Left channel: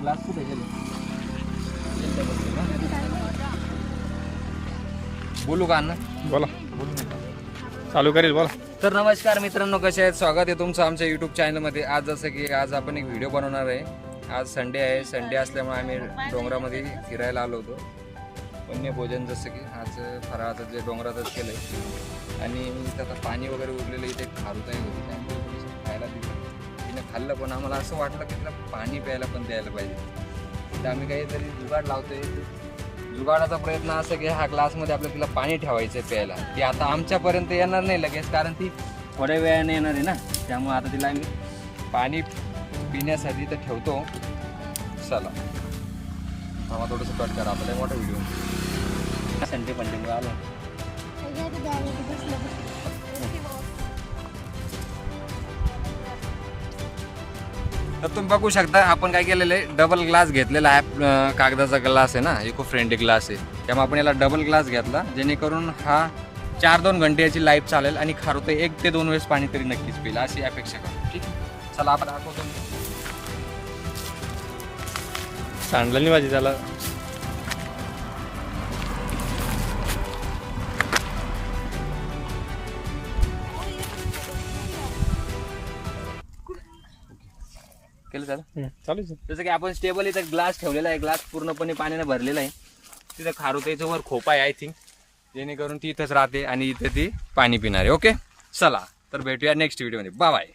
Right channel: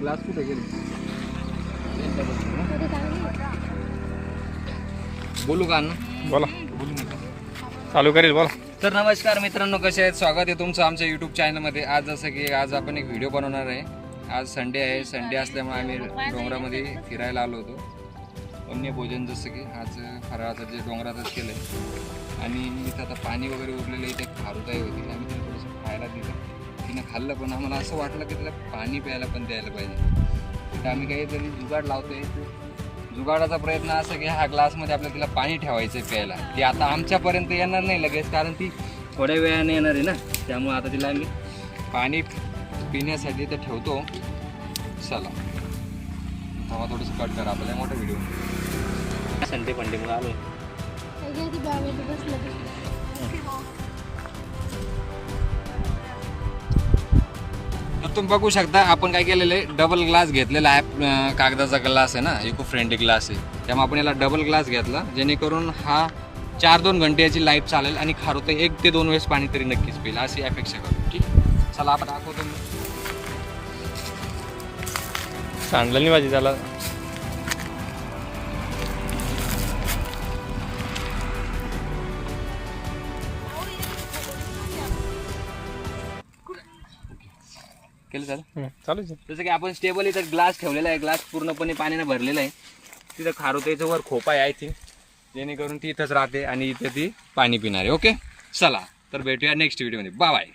Glass कुठे गेले बोलू का अण्णा? बोला, बोलू नका. चालू करेल बोला. तर नमस्कार मित्रांनो, कसे आहेत? स्वागत आहे तुमचं आमच्या यूट्यूब चॅनलमध्ये. आज जसं की आज आपण एक व्हिडिओ बनवणार आहे. आज संडे आहे. संडे असल्यामुळे आम्ही डोंगरामध्ये फिरायला आलो होतो. वन्य भोजन जसं की आज फराळाचं जे डोंगरातच केलं आहे. आणि इथं आता पाणी वगैरे उरलेलं, इथे खारुताई होती त्यामुळे तिला थोडंसं खायला दिलं. तिनं खाल्लं पण आम्हाला असं वाटलं की तिला पाणी प्यायला पण द्यायला पाहिजे. तर आम्ही काहीतरी जुगाड लावतोय. जुगाडाचा प्रयत्न असं की ह्या ग्लासमध्ये आपल्याला तिला पाणी ठेवायचं आहे प्यायला. ती आता आमच्यापर्यंत येणार नाही लगेच, कारण ती थोड्या वेळाने येणार आहे ना. त्यामुळे आता तिला आम्ही पाणी पिण्यासाठी तर ठेवतो. चला थांबा, थोडंसं कट करा, आपल्याला मोठा व्हिडिओ. संडे फंडेमुळे आलो. तर तुम्ही बघू शकता आपण काय केलेलं आहे, डबल ग्लास घेतलेला आहे. कागदाचा ग्लास आहे ना, इको फ्रेंडली ग्लास आहे. त्यामुळे आपण याला डबल ग्लास घेतला, जेणेकरून हा 4-2 घंटे याची लाईफ चालेल आणि खारुताई 1 ते 2 वेळेस पाणी तरी नक्कीच पिईल अशी अपेक्षा करतो. ठीक, चला आपण दाखवतो. सांडलं नाही भाजी त्याला. केलं चालेल. चालूच आहे. जसं की आपण स्टेबल इथं ग्लास ठेवलेला आहे. ग्लास पूर्णपणे पाण्याने भरलेला आहे. तिथं खारुताईचं वर खोपा आहे आय थिंक, जेणेकरून ती इथंच राहते आणि इथे ती पाणी पिणार आहे. ओके, चला तर भेटूया नेक्स्ट व्हिडिओमध्ये. Bye bye.